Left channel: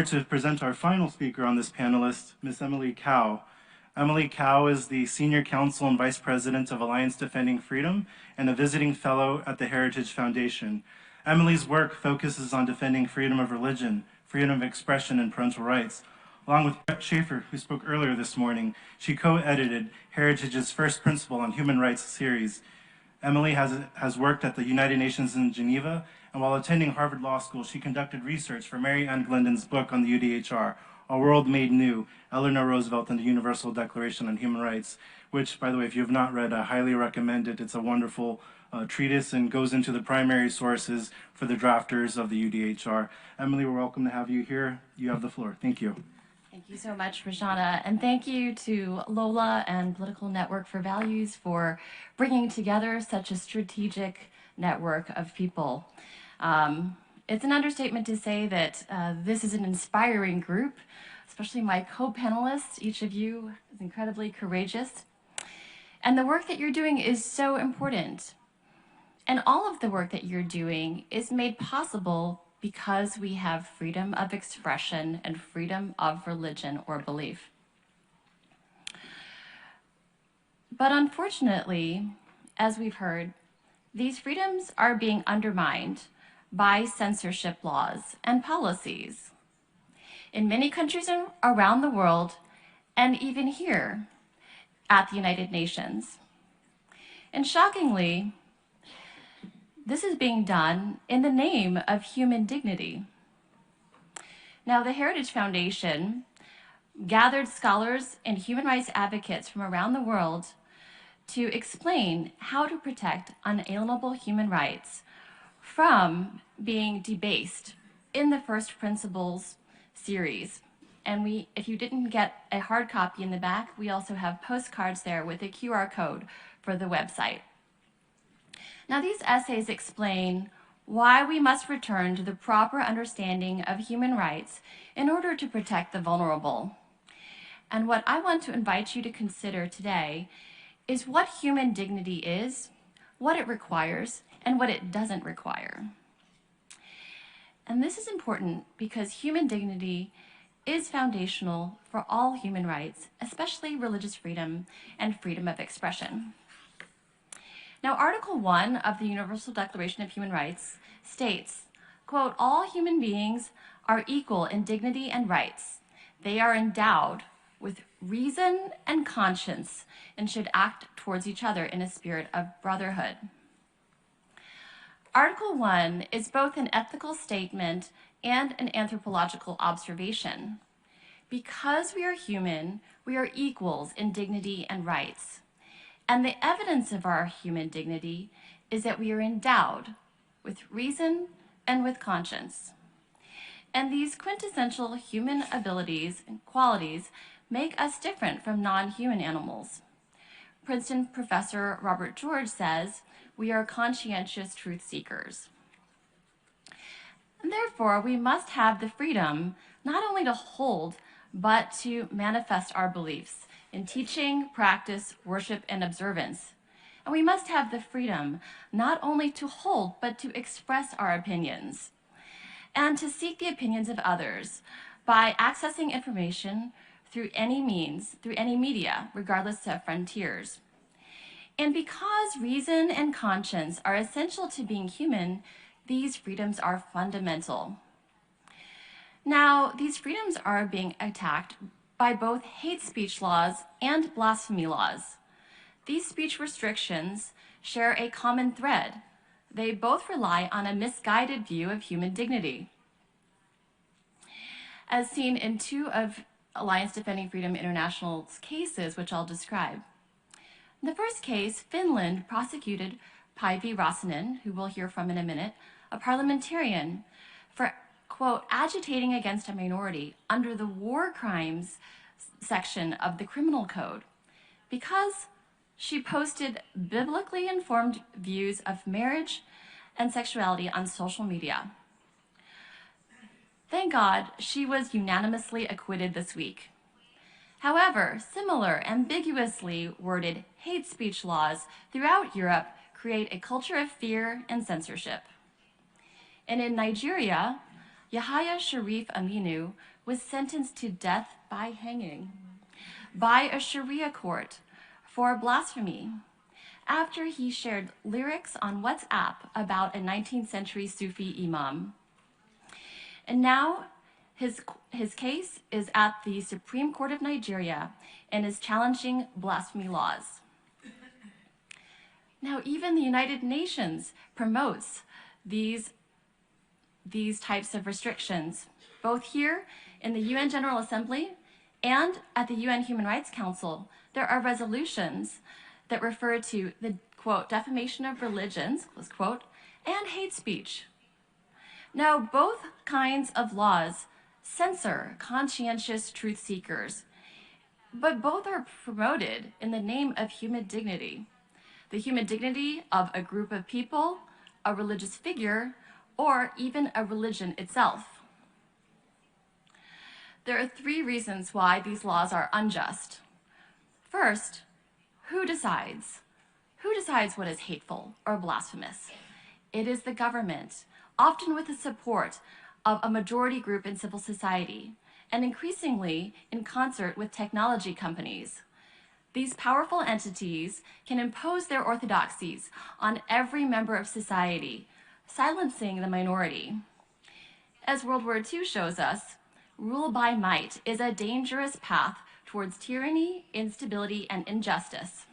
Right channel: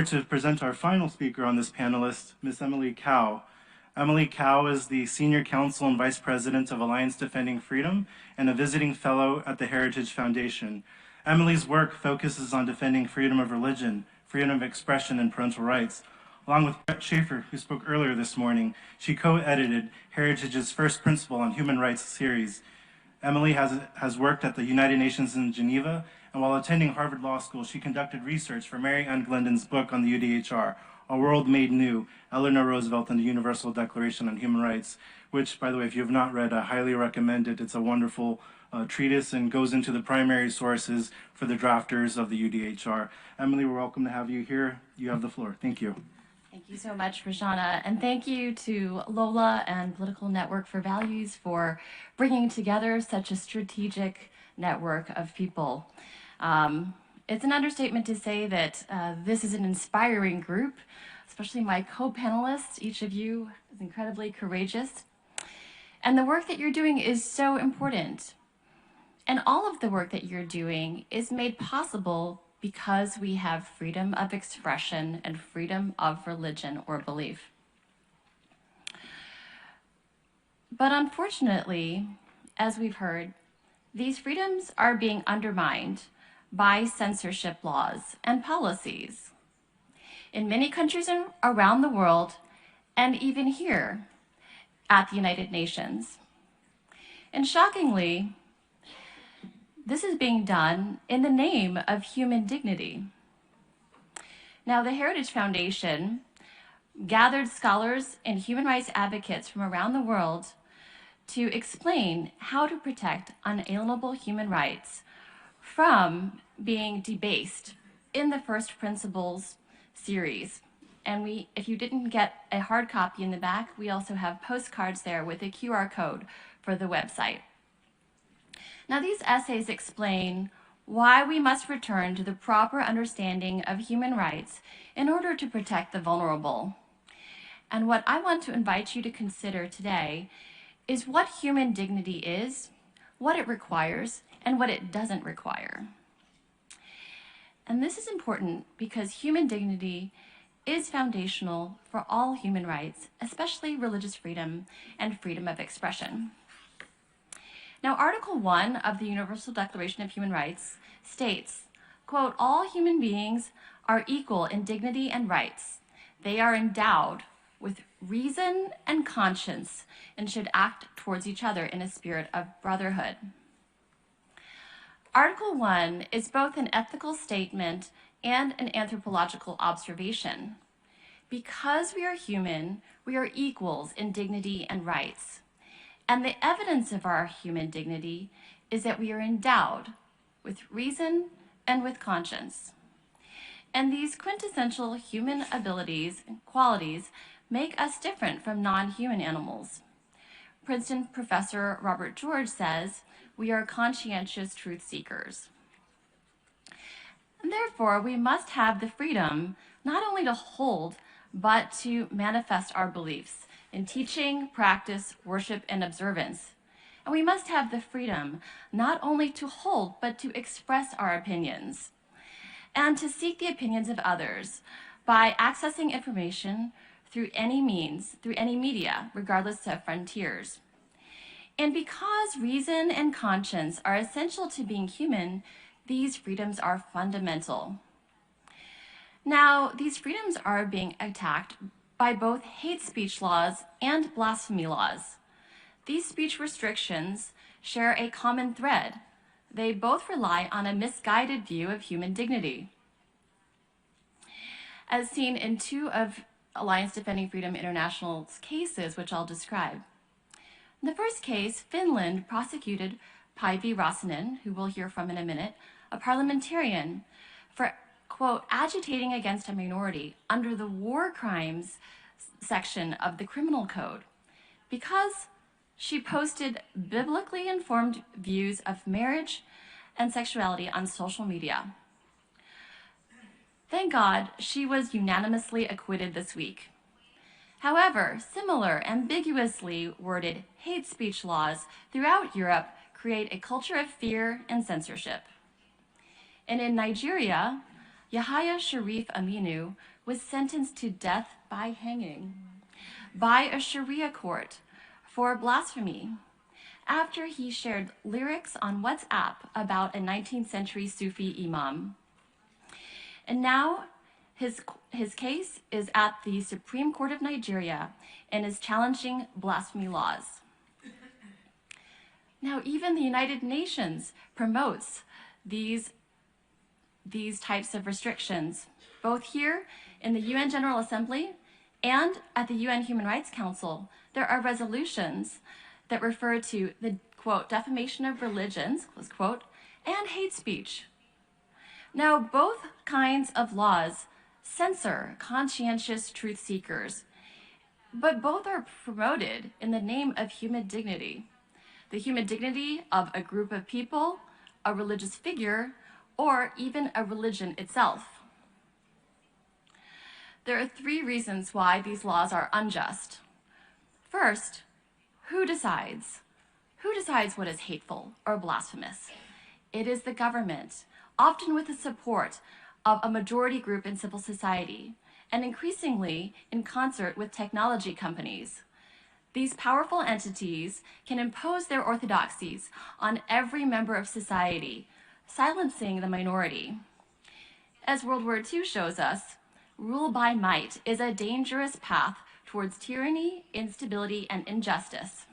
honored to present our final speaker on this panelist, Ms. Emilie Cow. Emilie Cow is the Senior Counsel and Vice President of Alliance Defending Freedom and a visiting fellow at the Heritage Foundation. Emilie's work focuses on defending freedom of religion, freedom of expression, and parental rights. Along with Brett Schaefer, who spoke earlier this morning, she co-edited Heritage's First Principle on Human Rights series. Emilie has worked at the United Nations in Geneva, and while attending Harvard Law School, she conducted research for Mary Ann Glendon's book on the UDHR, A World Made New, Eleanor Roosevelt and the Universal Declaration on Human Rights, which, by the way, if you have not read, I highly recommend it. It's a wonderful treatise and goes into the primary sources for the drafters of the UDHR. Emilie, we're welcome to have you here. You have the floor. Thank you. Thank you so much, Rashana, and thank you to Lola and Political Network for Values for bringing together such a strategic network of people. It's an understatement to say that this is an inspiring group, especially my co-panelists. Each of you is incredibly courageous. And the work that you're doing is so important. And all of the work that you're doing is made possible because we have freedom of expression and freedom of religion or belief. But unfortunately, as we've heard, these freedoms are being undermined by censorship laws and policies in many countries around the world, and even here at the United Nations. And shockingly, this is being done in the name of human dignity. Now, the Heritage Foundation gathered scholars and human rights advocates from around the world to explain how to protect unalienable human rights from being debased in the First Principles series. And if you didn't get a hard copy in the back, we also have postcards there with a QR code for the website. Now, these essays explain why we must return to the proper understanding of human rights in order to protect the vulnerable. And what I want to invite you to consider today is what human dignity is, what it requires, and what it doesn't require. And this is important because human dignity is foundational for all human rights, especially religious freedom and freedom of expression. Now, Article 1 of the Universal Declaration of Human Rights states, quote, "All human beings are equal in dignity and rights. They are endowed with reason and conscience and should act towards each other in a spirit of brotherhood." Article 1 is both an ethical statement and an anthropological observation. Because we are human, we are equals in dignity and rights. And the evidence of our human dignity is that we are endowed with reason and with conscience. And these quintessential human abilities and qualities make us different from non-human animals. Princeton professor Robert George says, "We are conscientious truth seekers." And therefore, we must have the freedom not only to hold, but to manifest our beliefs in teaching, practice, worship, and observance. And we must have the freedom not only to hold, but to express our opinions and to seek the opinions of others by accessing information through any means, through any media, regardless of frontiers. And because reason and conscience are essential to being human, these freedoms are fundamental. Now, these freedoms are being attacked by both hate speech laws and blasphemy laws. These speech restrictions share a common thread. They both rely on a misguided view of human dignity. As seen in two of Alliance Defending Freedom International's cases, which I'll describe. In the first case, Finland prosecuted Päivi Räsänen, who we'll hear from in a minute, a parliamentarian, for, quote, agitating against a minority under the war crimes section of the criminal code because she posted biblically informed views of marriage and sexuality on social media. Thank God she was unanimously acquitted this week. However, similar ambiguously worded hate speech laws throughout Europe create a culture of fear and censorship. And in Nigeria, Yahaya Sharif Aminu was sentenced to death by hanging by a Sharia court for blasphemy after he shared lyrics on WhatsApp about a 19th century Sufi imam. And now his case is at the Supreme Court of Nigeria and is challenging blasphemy laws. Now, even the United Nations promotes these types of restrictions, both here in the UN General Assembly and at the UN Human Rights Council. There are resolutions that refer to the, quote, defamation of religions, close quote, and hate speech. Now, both kinds of laws censor conscientious truth seekers, but both are promoted in the name of human dignity. The human dignity of a group of people, a religious figure, or even a religion itself. There are 3 reasons why these laws are unjust. First, who decides? Who decides what is hateful or blasphemous? It is the government, often with the support of a majority group in civil society, and increasingly in concert with technology companies. These powerful entities can impose their orthodoxies on every member of society, silencing the minority. As World War II shows us, rule by might is a dangerous path towards tyranny, instability, and injustice.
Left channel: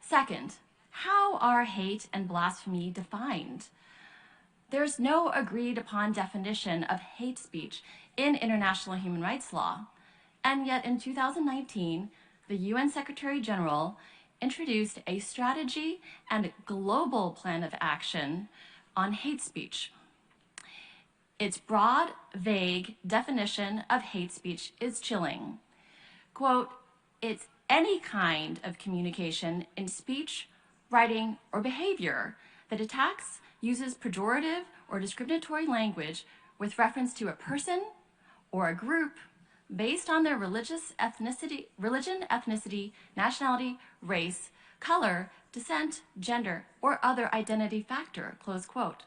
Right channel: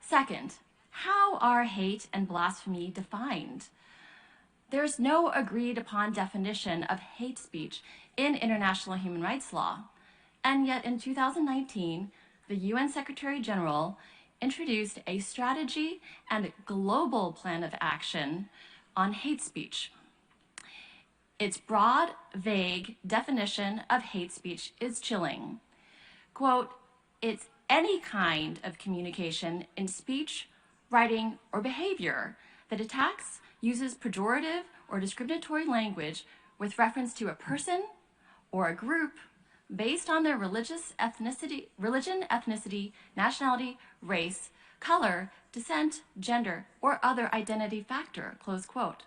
Second, how are hate and blasphemy defined? There's no agreed upon definition of hate speech in international human rights law, and yet in 2019, the UN Secretary General introduced a strategy and global plan of action on hate speech. Its broad, vague definition of hate speech is chilling. Quote, it's any kind of communication in speech, writing, or behavior that attacks, uses pejorative or discriminatory language with reference to a person or a group based on their religion, ethnicity, nationality, race, color, descent, gender, or other identity factor, close quote.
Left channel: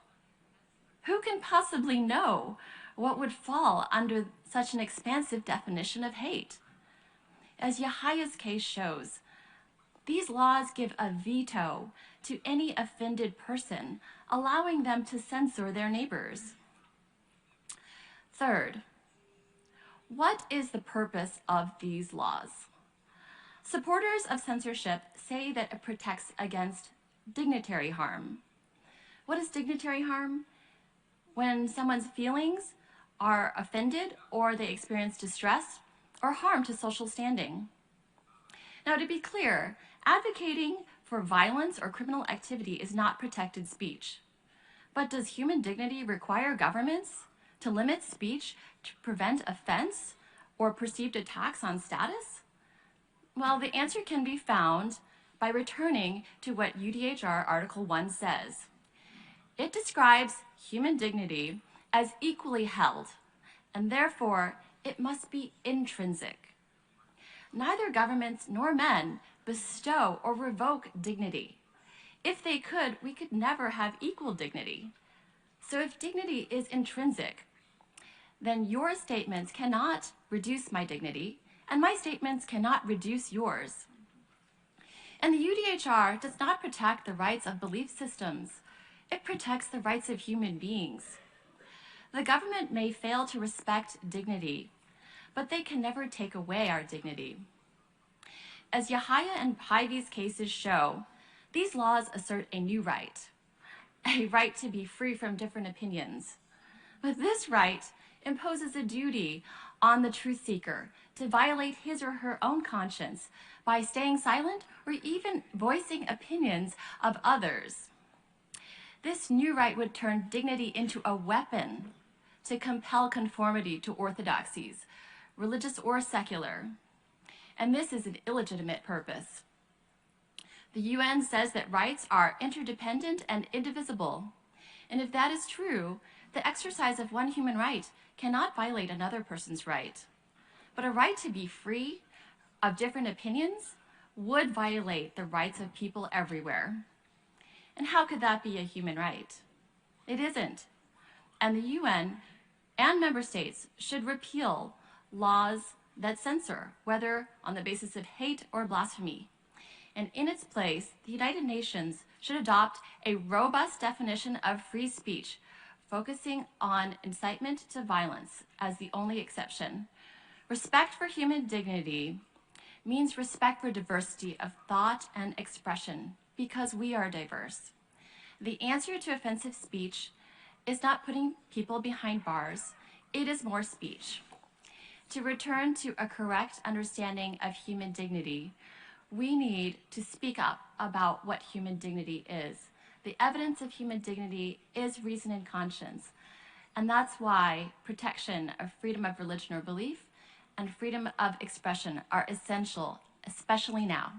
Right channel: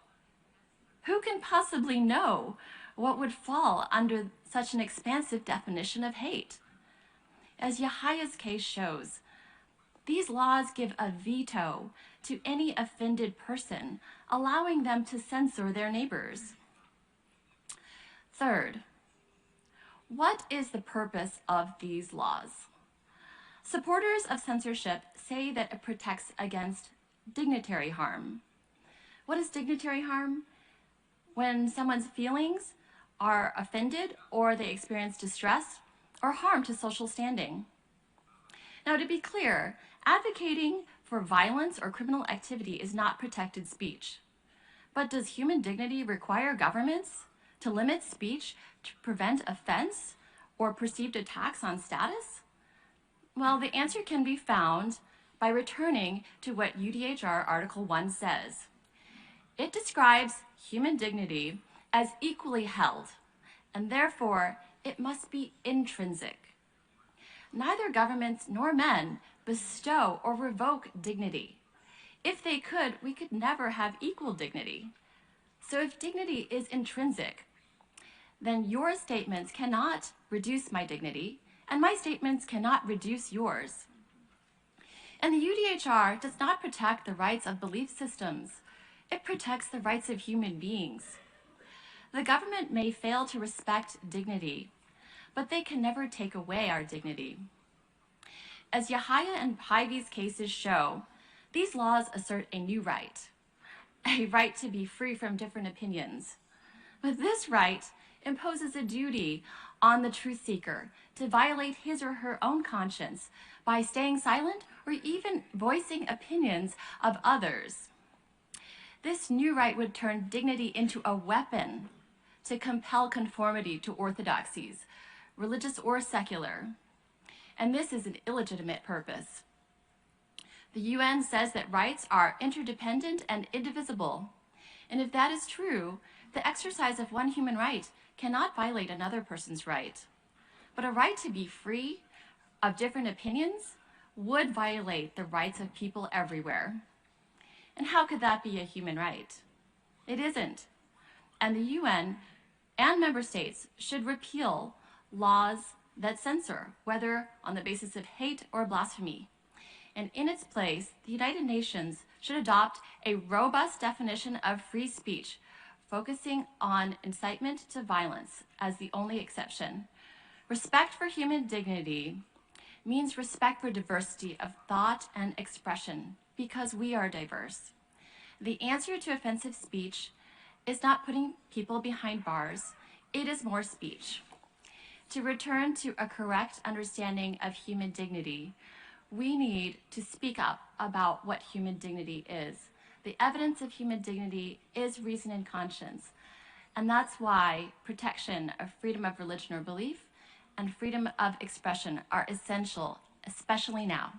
Who can possibly know what would fall under such an expansive definition of hate? As Yahaya's case shows, these laws give a veto to any offended person, allowing them to censor their neighbors. Third, what is the purpose of these laws? Supporters of censorship say that it protects against dignitary harm. What is dignitary harm? When someone's feelings are offended or they experience distress or harm to social standing. Now, to be clear, advocating for violence or criminal activity is not protected speech. But does human dignity require governments to limit speech to prevent offense or perceived attacks on status? Well, the answer can be found by returning to what UDHR Article 1 says. It describes human dignity as equally held, and therefore it must be intrinsic. Neither governments nor men bestow or revoke dignity. If they could, we could never have equal dignity. So if dignity is intrinsic, then your statements cannot reduce my dignity, and my statements cannot reduce yours. And the UDHR does not protect the rights of belief systems. It protects the rights of human beings. The government may fail to respect dignity, but they can never take away our dignity. As Yahaya and Hyvie's cases show, these laws assert a new right, a right to be free from different opinions. But this right imposes a duty on the truth seeker to violate his or her own conscience by staying silent or even voicing opinions of others. This new right would turn dignity into a weapon to compel conformity to orthodoxies, religious or secular. And this is an illegitimate purpose. The UN says that rights are interdependent and indivisible. And if that is true, the exercise of one human right cannot violate another person's right. But a right to be free of different opinions would violate the rights of people everywhere. And how could that be a human right? It isn't. And the UN and member states should repeal laws that censor, whether on the basis of hate or blasphemy. And in its place, the United Nations should adopt a robust definition of free speech, focusing on incitement to violence as the only exception. Respect for human dignity means respect for diversity of thought and expression, because we are diverse. The answer to offensive speech is not putting people behind bars, it is more speech. To return to a correct understanding of human dignity, we need to speak up about what human dignity is. The evidence of human dignity is reason and conscience, and that's why protection of freedom of religion or belief and freedom of expression are essential, especially now.